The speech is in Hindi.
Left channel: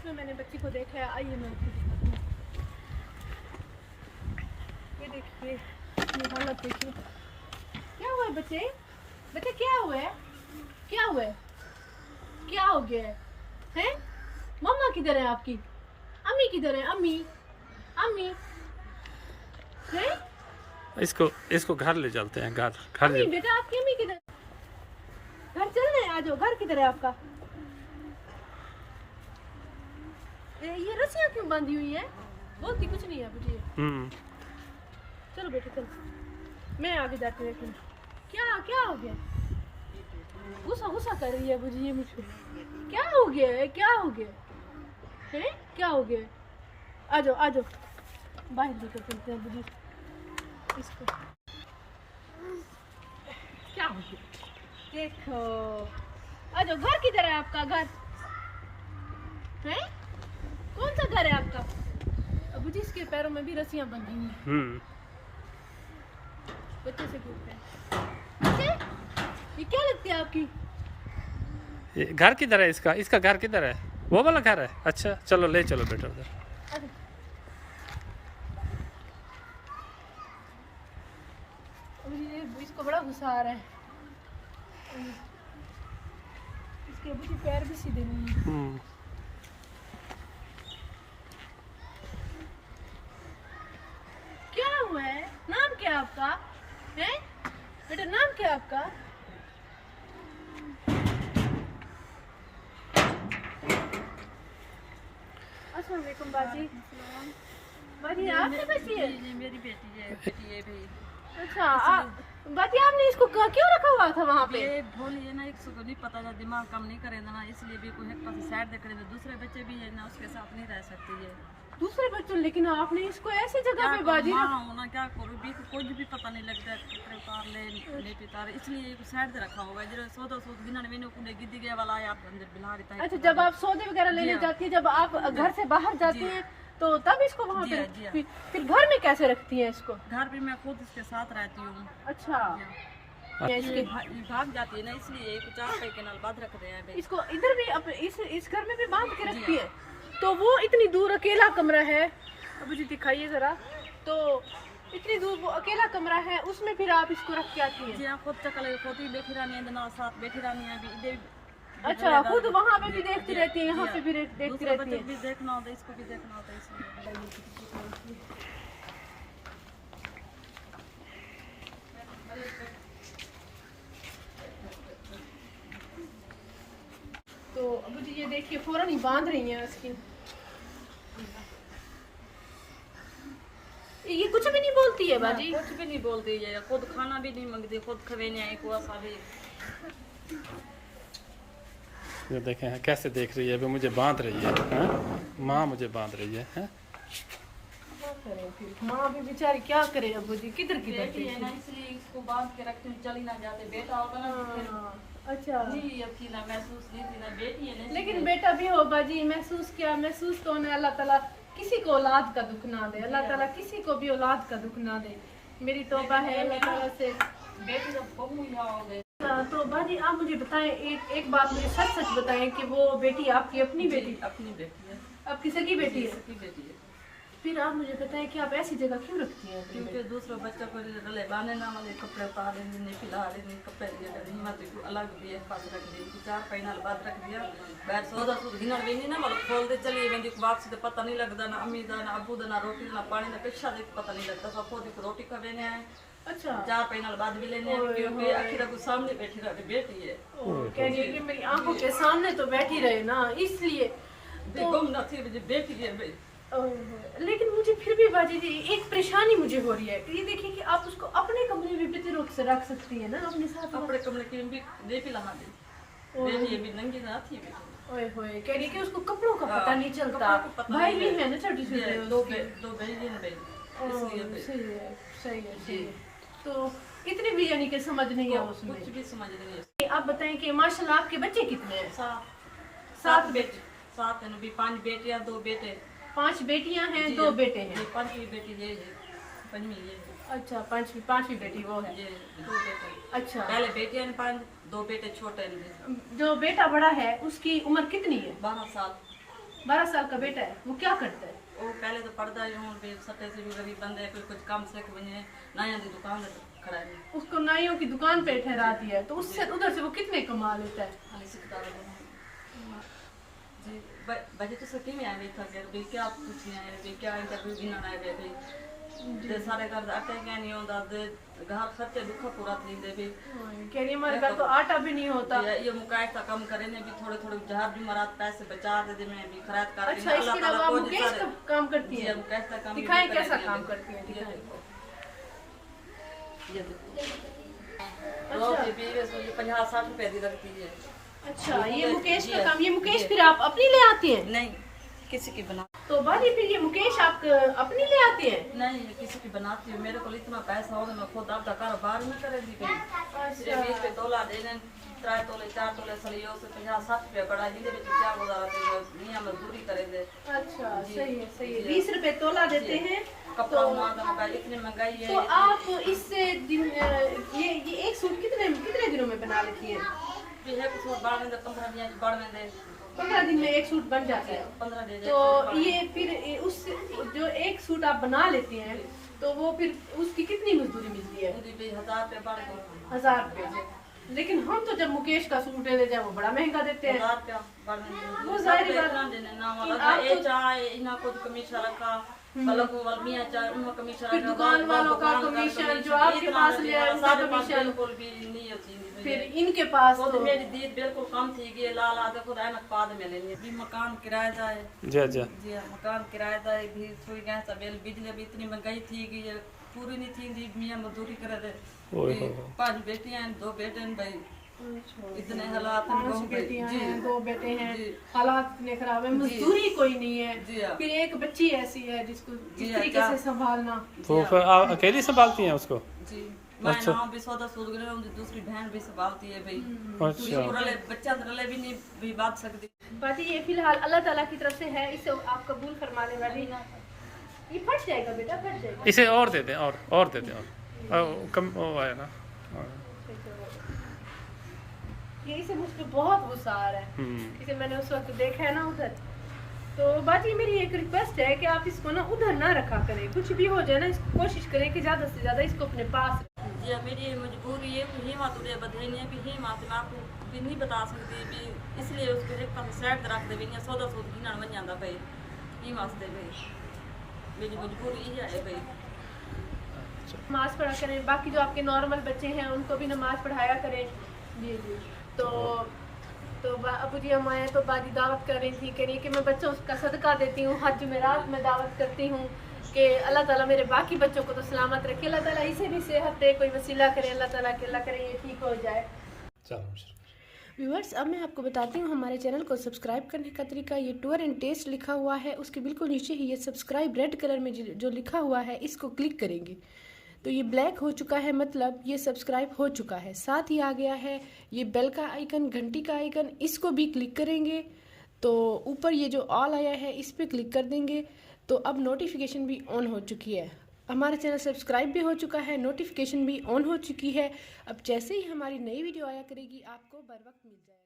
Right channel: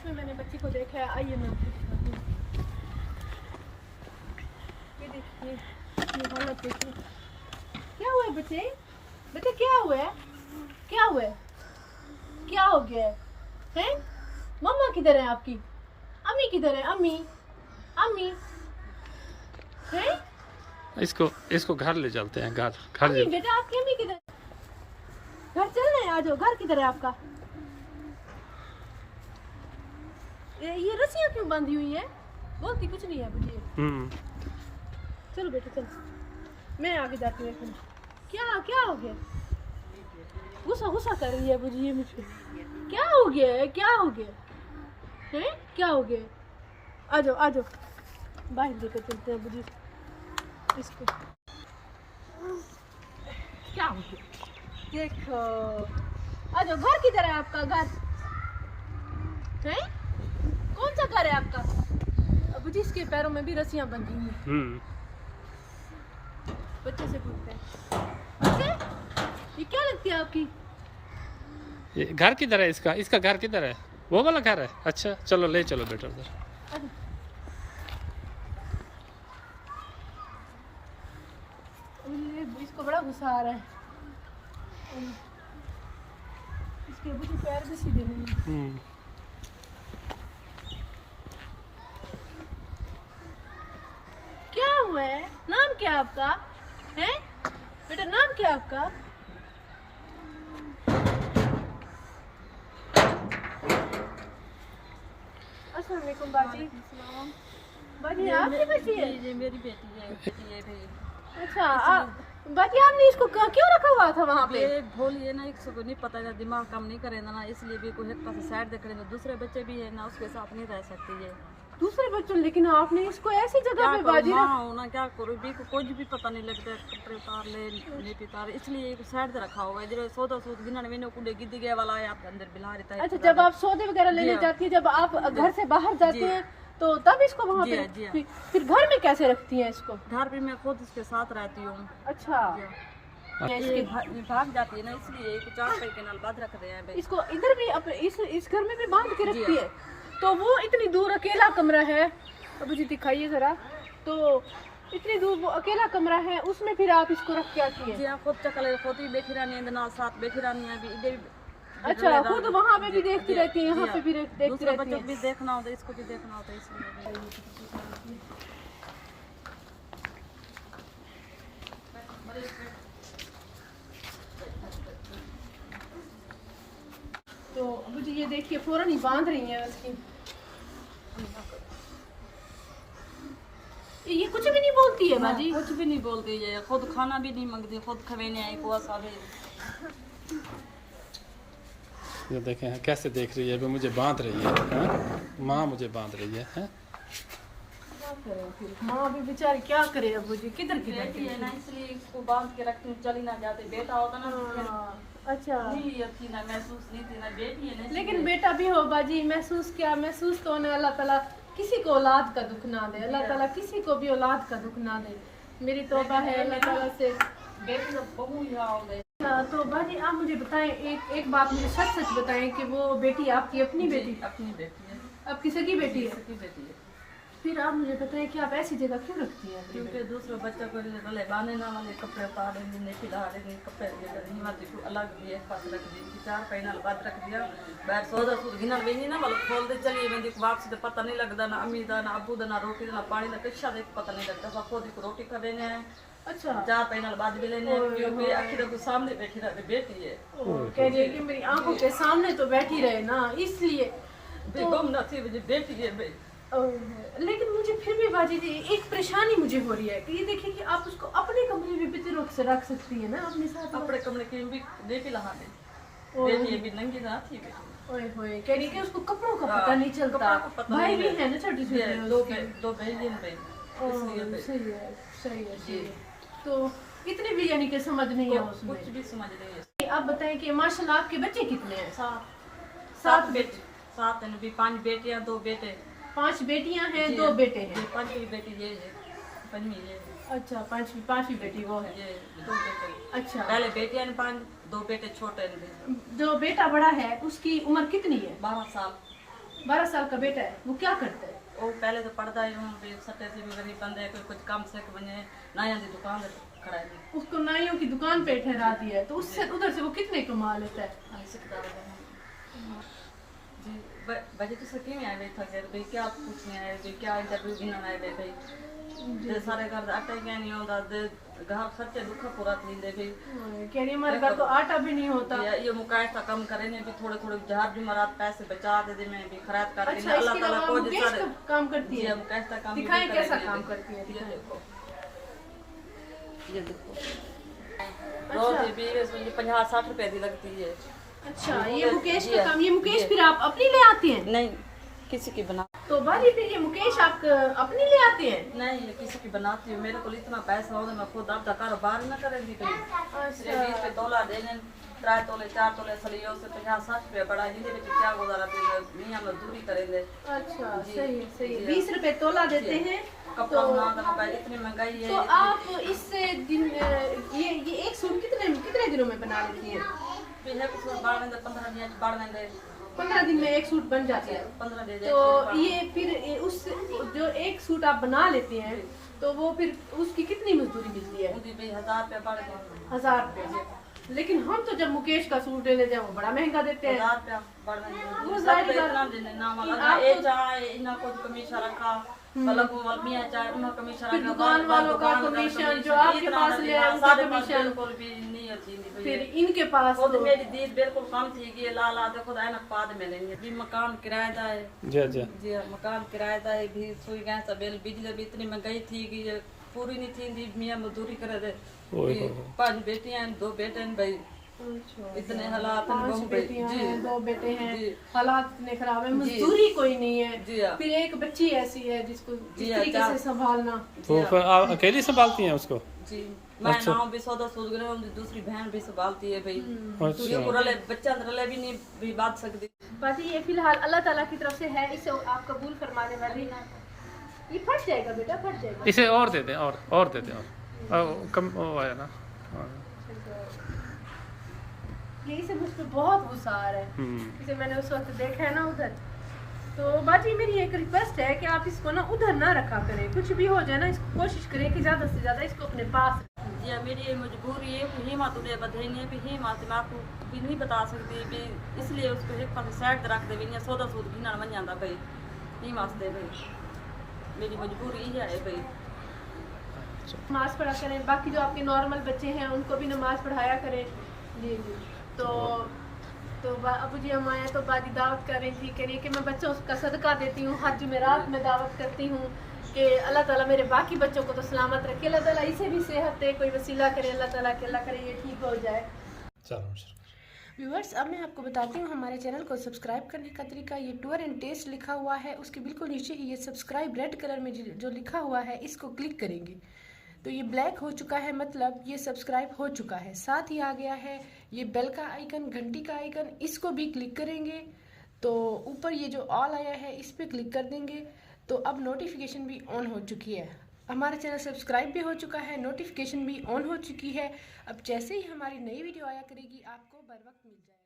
इसमें मैंने बच्ची को देखा है। आइए मैं आपको दिखाती हूँ। ये देखिए ये हालत देखिए। क्या हुआ है बच्चे? बच्चे क्या हुआ है? क्या हुआ है? क्या हो गया है? हैं? मम्मा किधर है आपकी? अम्मी किधर है? अम्मी अम्मी हैं? इसको घर ले चलते हैं। घर अम्मी बेटा आपकी अम्मी किधर? घर चलना है, आ जाओ। घर किधर है आपका? ये रस्सियाँ क्यों बंधी हुई है? बोलती कुछ नहीं है बुझिए। चलो बेटा चलो, मैं आगे जाके देखूँ। क्या क्या हो गया? गुस्सा गुस्सा कर रही है बुझिए मुझे। क्या हो गया है? क्या हो गया है? क्या हो गया? आ जाओ आ जाओ, बाहर लेकर चलते हैं बुझिए इसको। क्या हो गया? देखो, आ जाओ। घर किधर है आपका? घर है? कौन सा घर है आपका? अब जिसके पैरों में भी रस्सियां बंधी हुई। बच्चे से पूछते हैं, बच्चे ये क्या लगती है आपकी? ये घर किधर है इसका? इसका घर किधर है? वो वाला घर है। अच्छा चलो ले चलो बेटा उधर। इसको बड़ा गुस्सा आ रहा है। इसके बुद्धि पैर भी सीधे नहीं है। क्या हुआ है? नाम क्या आपका है? बेटा नाम क्या आपका? अस्सलाम वालेकुम बाजी। बाजी आपकी बच्ची है? ये मेरी बेटी है भाई। अच्छा बाजी आपने इसको क्यों रखा हुआ था वहाँ पे? ये भोली ना, एक को नहीं पता है, दिमाग काम नहीं करेगा ना, इसलिए भी कोई एक पास साइड देख रहे। दूसरे बच्चे भी है ना, उसके साथ नहीं रह सकती ये। दूसरे बच्चों, लेकिन आपने इसको ऐसी जगह पे बाजी होना क्या करूँ भी, कुछ भी पता नहीं लगता। कपड़े उतार ले नहीं पितार, इसलिए साइड से रखा हुआ है। जो सौदा सूद गिना मैंने कुड़े गिद्दी गया वाला है आप अंदर बिला रहता है। अच्छा जब आप सौदे वगैरह लेने जाती है, जब आप घर से बाहर जाते हैं तो तब इसको वहाँ पे फिर घर में कैसे रखती हैं इसको? घर पे मैं खुद इसके साथ रहती हूँ। अच्छा ये भाग जाती है ना, इसलिए 4 के नाल बांध रख रहे हैं इसको। इधर भी इस घर में भी बांध के रखती है। तो वो इतनी दूर अकेला कमरा है, अब मुझे दिखाइए जरा। तो इतनी दूर वो अकेला कमरा है, उसमें फिर आप इसको रख के आती हैं? जी हाँ, खुद चकल खुद ही बैठी रहनी है ना, साथ बैठी रहनी है अभी इधर। अच्छा खुद वहाँ पे भी देखती रहती है, यहाँ पे भी देखती रहती है। बच्चों भी देखना होता है, इसको भी देखना होता है, इसलिए। तो मुझे ये देखिए फौरन ही बांध रही हैं इसकी। ये कुछ भी नहीं बोलती है बाजी? कुछ भी नहीं बोलती है, खुद खाना भी नहीं मांगती, खुद खवेने आई को भी। ये देखें कैसे देख रही है, अभी मुझे बांध रही है। माँ मुझे बांध रही है। क्या करे फिर माँ भी बेचारी, क्या करे अब जी? किधर है ना, इसलिए इसको बांध के रखती हूँ, चली ना जाते। बेटा होता ना अच्छा नहीं अब थी ना, महसूस नहीं थी ना, बेटी है ना। लेकिन बेटा भी हो बाजी, महसूस क्या? महसूस तो उन्हें अल्लाह ताला किसी को औलाद का दुख ना दे। अल्लाह ताला किसी को भी औलाद का दुख ना दे। मेरी तौबा है अल्लाह ताला से। बेटी जब बहू यहाँ हो गई तो बाजी आप मुझे बताएं, एक बात मुझे सच सच बताएं कि वो बेटी आपकी अपनी बेटी? अपनी बेटी है। आपकी सगी बेटी है? सगी बेटी है। फिर आप मुझे बताएं कि आप ऐसी जगह क्यों रखती हैं? क्योंकि दूसरे बच्चों को रले बाने ना वाले कपड़े उतार रहे नहीं, खिला रहे कपड़े दिए अलग भी एक पास रख दी, 4 पैना बाद रख दिया। बैर सौदा सूद गिनन वेंदी ना वाल खोल दे चली वेंदी, वापसी तो पता नहीं लगता ना अम्मी दा ना अबू दा ना रोटी ना पानी ना कच्छा दे पता नहीं लगता। सब खुद को रोटी कर लेने आए। अच्छा 4 पैना बाद भी लेने, क्योंकि आखिर को सामने बैठी रहे बेटी है। कहिए कि मेरी आंखों के सामने तो बैठी रहे ना, इसलिए गुम न थी बेटी है। लेकिन मुझे फिर भी बाजी जी एक परेशानी मुझे हो रही है कि ये देखिए कि आप उसको अपने कमरे में भी तो रख सकती है ना अपने साथ। अपने कमरे की भी देती लहा दे, बेटी भी नंगी ना थी बेटी। ओए होए कह रही कि उसको कपड़ों का पता नहीं चलता। भाई भी है ना छोटी छोटी, दो बहन बहन। सही है सही है। तो इतनी भी यानी कि समझ नहीं है उसमें? कुछ भी समझ नहीं है। आप बताएं कि माशाल्लाह आपके बच्चे कितने हैं? 7 बेटे। 7 है भी, 5 बेटियां 2 बेटे। 5 बेटियां हैं 2 बेटे हैं। 5वीं बेटी ये है, 5वीं ये है। अच्छा 5वीं बेटी वो है। ये 2 बेटे। अच्छा पहले बेटियां ने 5, 2 बेटे छोटे हैं। जो बेटा बड़ा है उसकी उम्र कितनी है? 12 साल। 12 साल का बेटा है, वो क्या करता है? वो पहले तो पढ़ता ही हूँ भी सट्टे से भी गरीब बंदे कोई कुछ काम सीख बने नाइया की दुकान खड़ा है उसको नाइयों की दुकान पे ठहरा दिया है, तो उससे उधर से वो कितने कमा लेता है? सीखता है जी बजे तो सकी में आए था भाई क्या पूछने आए भाई क्या इंटरव्यू गिनना आए भाई ते सारे घर आटा ही क्या नहीं होता घर खर्चे दुखा पूरा थी दे भाई कह रही हमारे घर तो आटा भी नहीं होता। ये मुकाश का कम करे ने भी थोड़े थोड़े झार जुमरात पैसे बचा दे मैं भी खराब कर अच्छा, अल्लाह ताला को मुकेश का काम करती है? मुकाश का काम दिखाएं कैसा काम करती है? ये देखो ये देखो रोज भी 50-60 रुपए दी लगती है। अच्छा, ये मुकेश का काम। ये मुकेश फिर आप अपनी ले आते हैं? नहीं किसी की बना तो बाजी फिर ये मुकेश आप अपनी ले आते हैं? नहीं ये किसी की बनाती हूँ मेरे को इतना पैसा हो मैं खुद आपका कारोबार न करेंगी भाई अच्छा। 20 पे तोला देने 3 तोले 4 तोले सलियो से 50-60 रुपए बड़ा जिंदे में क्या गुजारा देंगे मियां मजदूरी करेंगे। अच्छा सही है सही है। 20 रुपए तोला देते हैं कपड़ा बनाना मोबाइल इतनी महंगाई है। तो आप इससे दिन ये एक सूट कितने दिनों में बना लेती हैं? 15 दिन में एक सूट बन जाता है। 15 दिन तो ये फिर उस जो एक सूट आप बना लेते हैं तो वो फिर उसकी कितनी मजदूरी मिलती है? 1000 रुपया बढ़ गए 1000 रुपया। लेकिन हम तो जब मुकेश का सूट ले जाए वो बड़ा महंगा देते हैं। 1000 रुपया बढ़ गए वो जाहिर बात इतना देने ना वाला ए चाहे इना कुछ कमीशन रखा मतलब वो मियां चाहे उन्होंने कमीशन फिर रखा दुकान वालों का कमीशन जो आपके पास ले आए उनका कमीशन बिल्कुल भी नहीं होती फिर इनके पास खुद तो मेरी दीद बिल्कुल कम थी कि ला ला देखो ऐनक बाद में लेंगे भी मकान किराएदार है जी जी जी मकान किराएदार है भी सुई गए सब बिजली भी इतनी महंगाई थी कि ये पूरी नहीं थी मियां मजदूरी करे थे 5 बेटियां 2 बेटे हैं भाई इतने हालात 5 बेटियां हैं 2 बेटे हैं जी। हालात इतने खराब है मजदूरी कोई नहीं है जी हाँ। फिर एक बच्ची ऐसी है जिसको जी इस हाँ, तरीके से संभालना। तो फिर आप अकेली संभालती हैं उसको? जी मैं नाम भी सौदा सूद गए दूसरी बहन भी संभालती है भाई अच्छा रले बच्चा रले भी नहीं भी बात सकती बाकी ये फिलहाल अल्लाह ताला की तरफ से है, इसे आप कबूल फरमाने वाली। ये फट जाएगा बेटा फट जाएगा। इसे और दे दें और दे दें और कम वो आया ना ये इसे मुझ पे बहुत गुस्सा आ रहा है। इसे मैंने उस वक्त देखा है ना उधर। तो बाकी मेरी एक रिक्वेस्ट है कि आप इसको ना उधर ना रखा करें, कुछ भी हो जाए ना इसको कोशिश करें कि ज़्यादा से ज़्यादा इसको अपने पास रखें। जी मेरी ये मजबूरी है कि हिम्मत उदय बधाई है भी हिम्मत मैं आपको भी नहीं बता सकती भी इसलिए उसको एक पास साइड रख दे भी सौदा सूद गिना बन जाता भाई नहीं वास्ते भाई मेरी मजबूरी ही है भाई। नमाज पढ़ा करें, बाकी जो आपके नॉर्मल बच्चे हैं उनको भी नमाज पढ़ाया करें। जी जी तो अबू जी हम आए तो बाजी दावत कर रही थी, कह रही कि मैं बच्चों का सदका देती हूँ, हर जुमेरात में दावत करती हूँ कि अल्लाह ताला मेरे बाकी बच्चों को तो सलामत रखे, अल्लाह ताला इसे भी सेहत दे, कोई वसीला करे अल्लाह ताला के अल्लाह करे ये ठीक हो जाए। चलो व्यूअर्स अब मैं आपको बताती हूँ हमारे चैनल को सब्सक्राइब करने का तरीका। ये टूर एंड टेस्ट लिखा हुआ है, उसके बिल्कुल नीचे ही ये सब्सक्राइब रेड कलर में जो लिखा हुआ है इसको क्लिक करेंगे तो ये ब्लैक हो चुका है, मतलब ये सब्सक्राइब हो चुका है। साथ ही आ गया है ये बेल का आइकन, घंटी का आइकन, इसको भी क्लिक करेंगे तो ऊपर ये जो ऑल आया है इस पर क्लिक कर देंगे तो अब नोटिफिकेशन भी ऑन हो चुकी है। हमारा चैनल सब्सक्राइब भी हो चुका है, नोटिफिकेशन भी ऑन हो चुकी है। अब जैसे ही हमारी नई वीडियो आया करेगी आपको बर वक्त मिल जाएगी।